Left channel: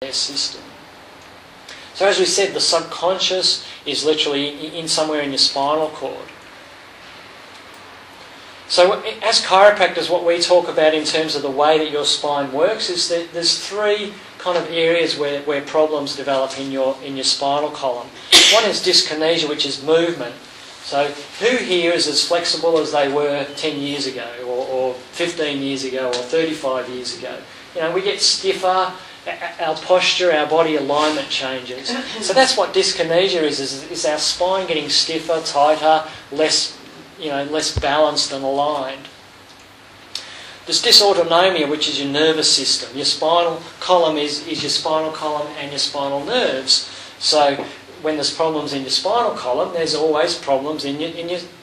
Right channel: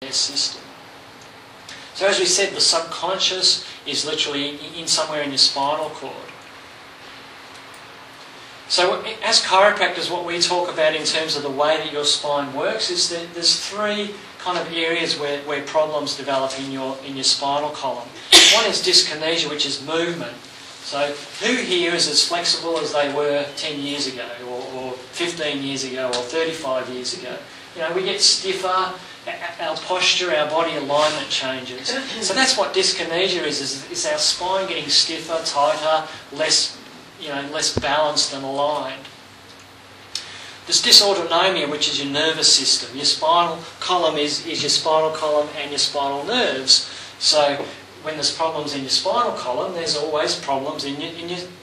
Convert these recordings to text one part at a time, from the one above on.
their system. So as we said, the subconscious is literally in somewhere in your spinal cord. So as chiropractors, what we talk about in terms of the way that your spine works is that there's three kind of areas where problems develop in your spinal column. One is dyskinesia, which is movement. So who here is as flexible as they were 10 years ago or 15 years ago or 35 years ago? You know, we get stiffer, our posture, our body alignment changes. So that's what dyskinesia is our spine getting stiffer, tighter, less balanced and aligned. There's dysautonomia, which is your nervous system. Your spinal column is your spinal column and your spinal nerves. So when there's problems in your spinal column, there's always problems in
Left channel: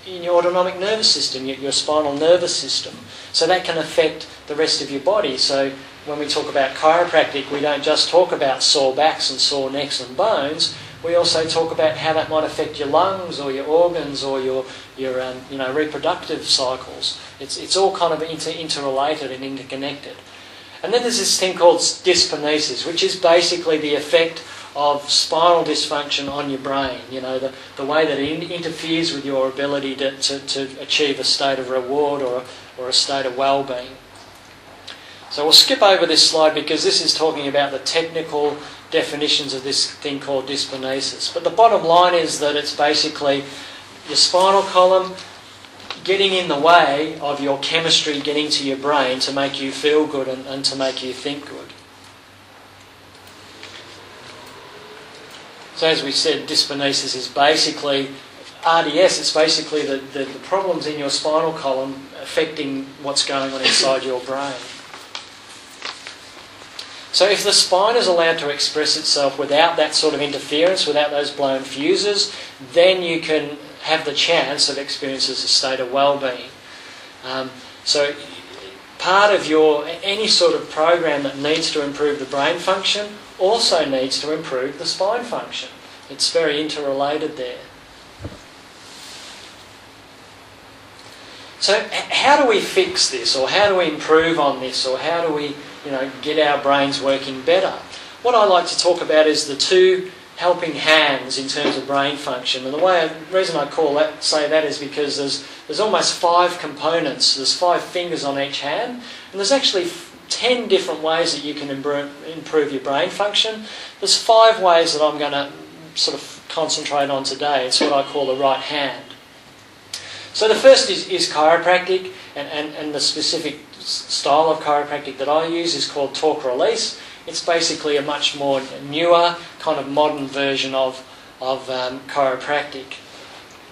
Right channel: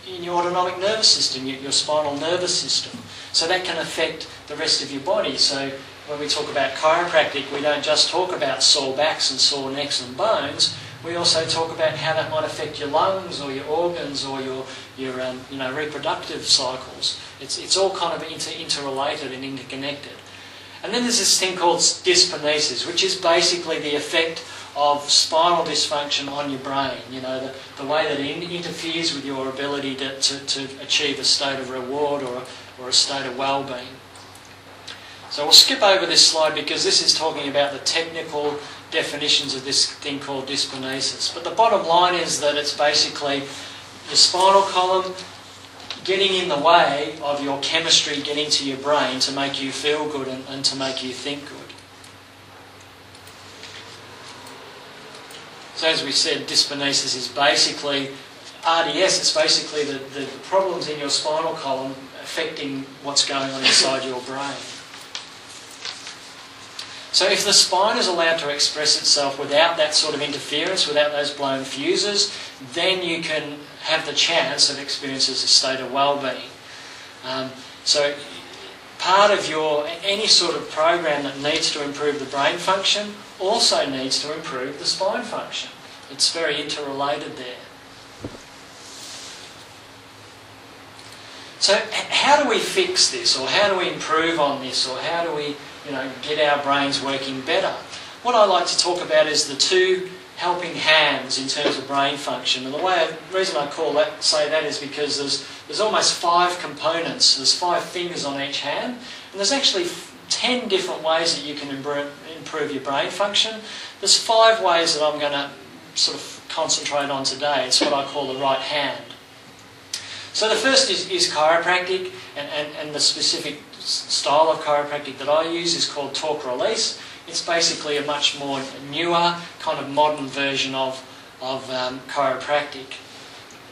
your autonomic nervous system, your spinal nervous system. So that can affect the rest of your body. So when we talk about chiropractic, we don't just talk about sore backs and sore necks and bones. We also talk about how that might affect your lungs or your organs or your reproductive cycles. It's all kind of interrelated and interconnected. And then there's this thing called dyskinesis, which is basically the effect of spinal dysfunction on your brain. You know, the way that it interferes with your ability to achieve a state of reward or a state of well-being. So we'll skip over this slide because this is talking about the technical definitions of this thing called dyskinesis. But the bottom line is that it's basically your spinal column getting in the way of your chemistry getting to your brain to make you feel good and to make you think good. So as we said, dyskinesis is basically RDS. It's basically the problems in your spinal column affecting what's going on inside your brain. So if the spine is allowed to express itself without that sort of interference, without those blown fuses, then you can have the chance of experiencing a state of well-being. So part of any sort of program that needs to improve the brain function also needs to improve the spine function. It's very interrelated there. So how do we fix this, or how do we improve on this, or how do we get our brains working better? What I like to talk about is the two helping hands in terms of brain function. And the reason I say that is because there's almost 5 components. There's 5 fingers on each hand, and there's actually 10 different ways that you can improve your brain function. There's 5 ways that I'm going to sort of concentrate on today. It's what I call the right hand. So the first is chiropractic, and the specific style of chiropractic that I use is called torque release. It's basically a much more newer, kind of modern version of chiropractic.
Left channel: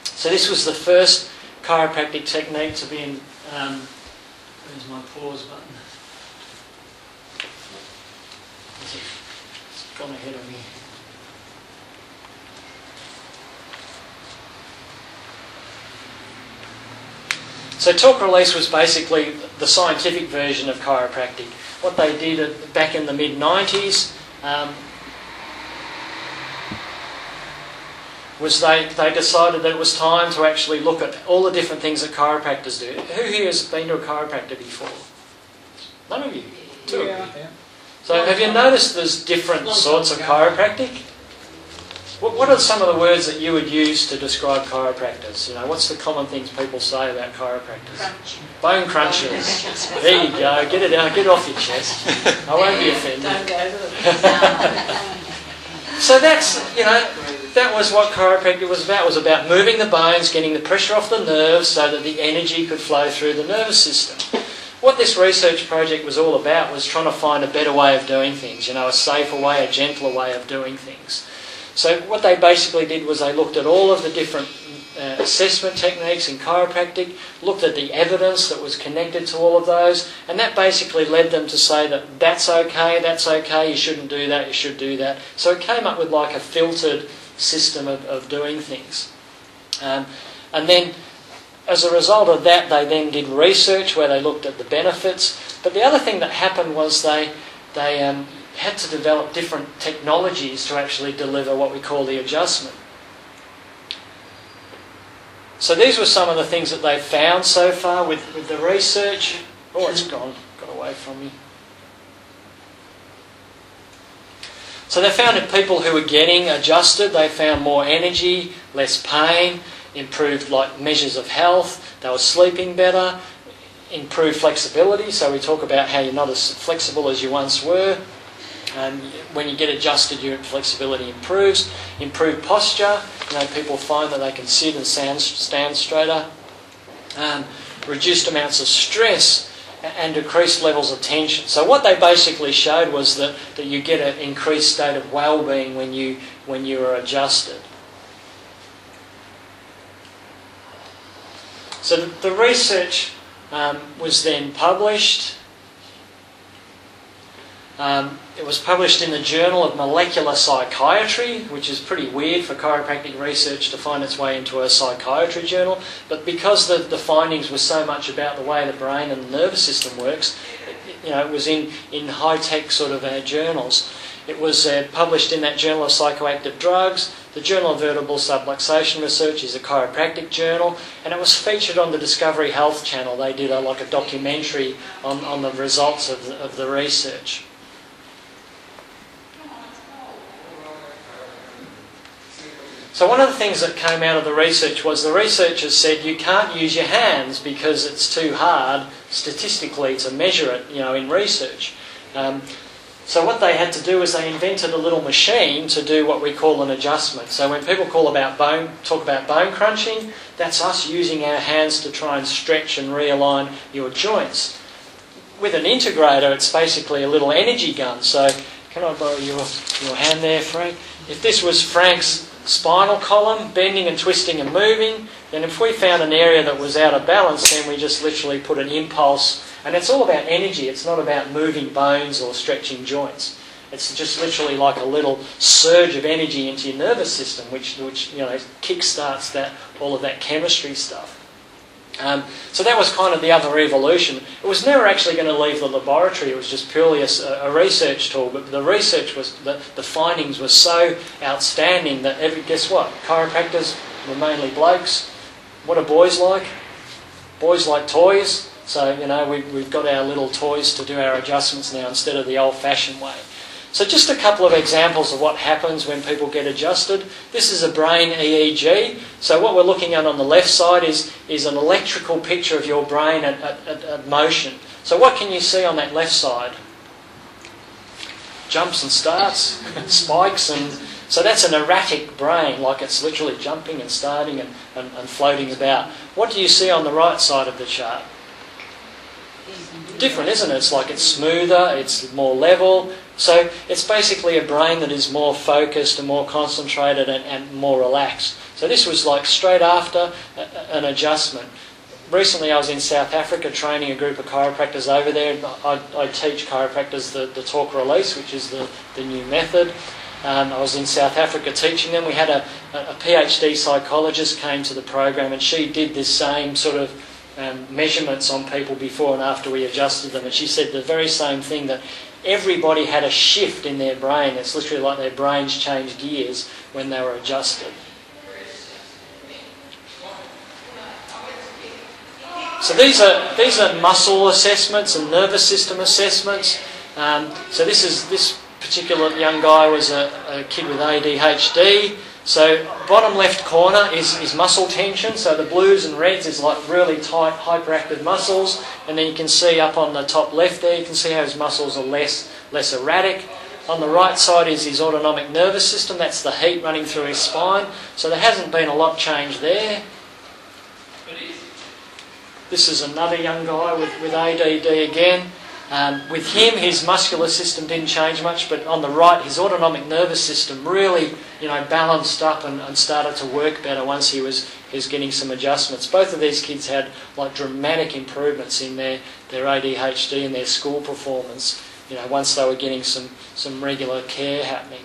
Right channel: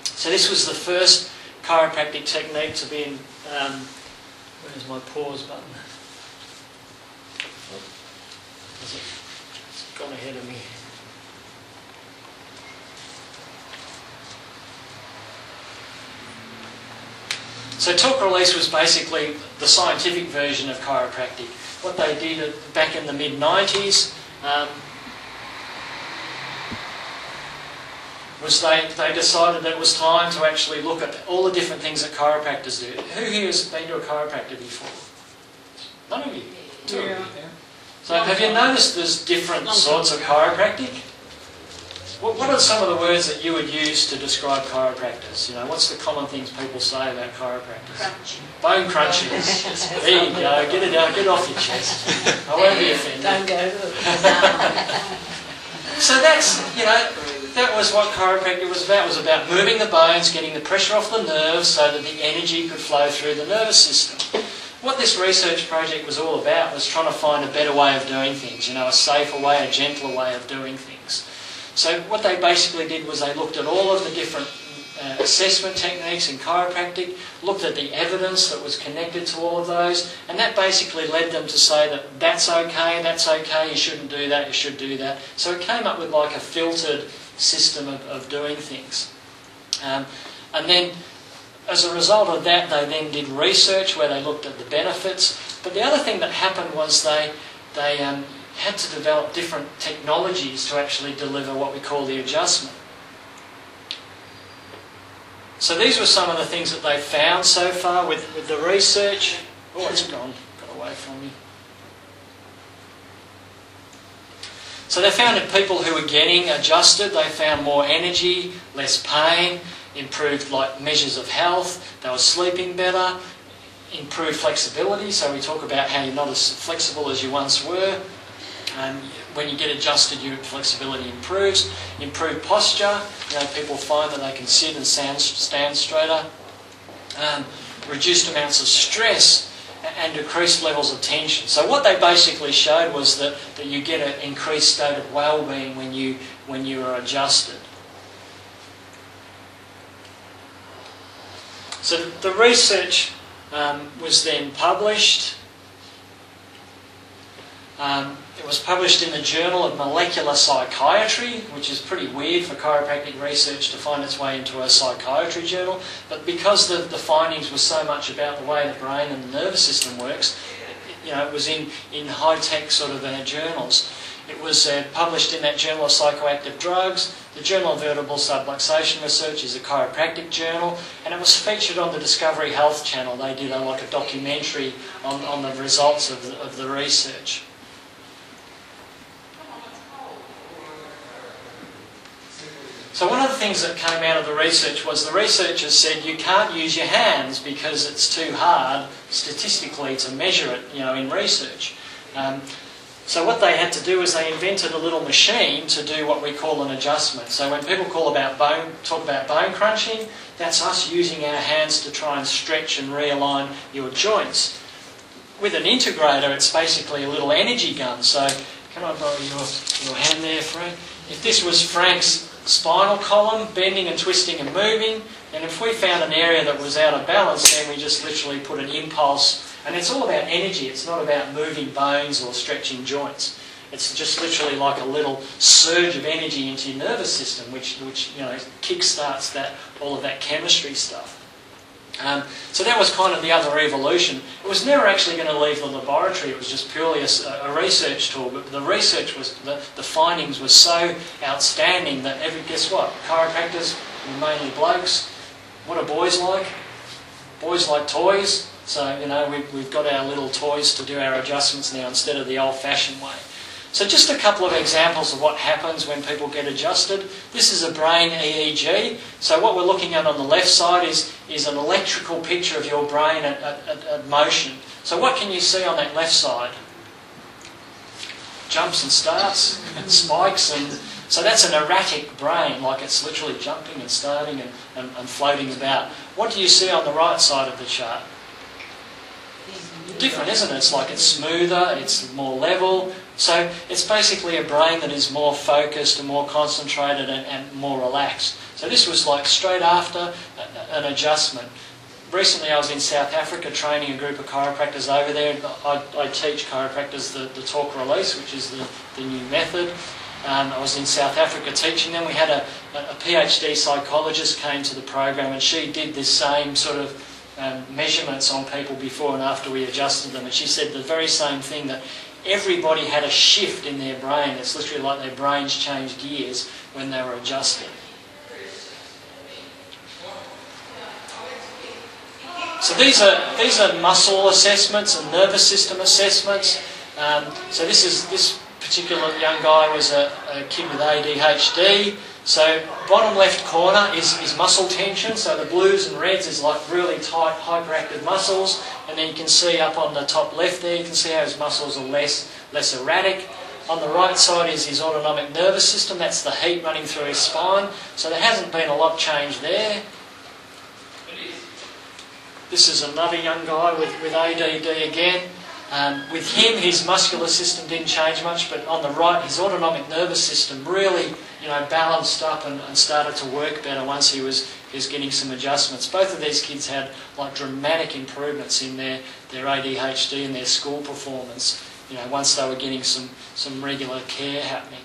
So this was the first chiropractic technique to be in... where's my pause button? It's gone ahead of me. So torque release was basically the scientific version of chiropractic. What they did back in the mid-90s was they decided that it was time to actually look at all the different things that chiropractors do. Who here has been to a chiropractor before? None of you? 2 of you? So have you noticed there's different sorts of chiropractic? What are some of the words that you would use to describe chiropractors? What's the common things people say about chiropractors? Crunch. Bone crunchers. There you go. Get it out. Get it off your chest. I won't be offended. Don't go to them. So that's, that was what chiropractic was about. It was about moving the bones, getting the pressure off the nerves so that the energy could flow through the nervous system. What this research project was all about was trying to find a better way of doing things, a safer way, a gentler way of doing things. So what they basically did was they looked at all of the different assessment techniques in chiropractic, looked at the evidence that was connected to all of those, and that basically led them to say that that's okay, you shouldn't do that, you should do that. So it came up with like a filtered system of doing things. And then as a result of that, they then did research where they looked at the benefits. But the other thing that happened was they had to develop different technologies to actually deliver what we call the adjustment. So these were some of the things that they've found so far with the research. Oh, it's got away from me. So they found that people who were getting adjusted, they found more energy, less pain, improved like measures of health, they were sleeping better, improved flexibility. So we talk about how you're not as flexible as you once were. When you get adjusted, your flexibility improves. Improved posture. People find that they can sit and stand straighter. Reduced amounts of stress and decreased levels of tension. So what they basically showed was that you get an increased state of well-being when you are adjusted. So the research was then published. It was published in the Journal of Molecular Psychiatry, which is pretty weird for chiropractic research to find its way into a psychiatry journal. But because the findings were so much about the way the brain and the nervous system works, it was in high-tech sort of journals. It was published in that Journal of Psychoactive Drugs. The Journal of Vertebral Subluxation Research is a chiropractic journal, and it was featured on the Discovery Health channel. They did a documentary on the results of the research. So one of the things that came out of the research was the researchers said you can't use your hands because it's too hard statistically to measure it, in research. So what they had to do is they invented a little machine to do what we call an adjustment. So when people talk about bone crunching, that's us using our hands to try and stretch and realign your joints. With an integrator, it's basically a little energy gun. So can I borrow your hand there, Frank? If this was Frank's spinal column, bending and twisting and moving, then if we found an area that was out of balance, then we just literally put an impulse. And it's all about energy. It's not about moving bones or stretching joints. It's just literally like a little surge of energy into your nervous system, which kick-starts all of that chemistry stuff. So that was kind of the other evolution. It was never actually going to leave the laboratory. It was just purely a research tool. But the research was the findings were so outstanding that guess what? Chiropractors were mainly blokes. What are boys like? Boys like toys. So we've got our little toys to do our adjustments now instead of the old-fashioned way. So just a couple of examples of what happens when people get adjusted. This is a brain EEG. So what we're looking at on the left side is an electrical picture of your brain at motion. So what can you see on that left side? Jumps and starts, spikes, and so that's an erratic brain, like it's literally jumping and starting and floating about. What do you see on the right side of the chart? Different, isn't it? It's like it's smoother, it's more level. So it's basically a brain that is more focused and more concentrated and more relaxed. So this was like straight after an adjustment. Recently I was in South Africa training a group of chiropractors over there. I teach chiropractors the talk release, which is the new method. I was in South Africa teaching them. We had a PhD psychologist came to the program, and she did this same sort of measurements on people before and after we adjusted them, and she said the very same thing, that everybody had a shift in their brain. It's literally like their brains changed gears when they were adjusted. So these are muscle assessments and nervous system assessments. So this particular young guy was a kid with ADHD. So bottom left corner is muscle tension. So the blues and reds is like really tight, hyperactive muscles. And then you can see up on the top left there, you can see how his muscles are less erratic. On the right side is his autonomic nervous system. That's the heat running through his spine. So there hasn't been a lot changed there. This is another young guy with ADD again. With him, his muscular system didn't change much, but on the right, his autonomic nervous system really, balanced up and started to work better once he was getting some adjustments. Both of these kids had like dramatic improvements in their ADHD and their school performance, once they were getting some regular care happening.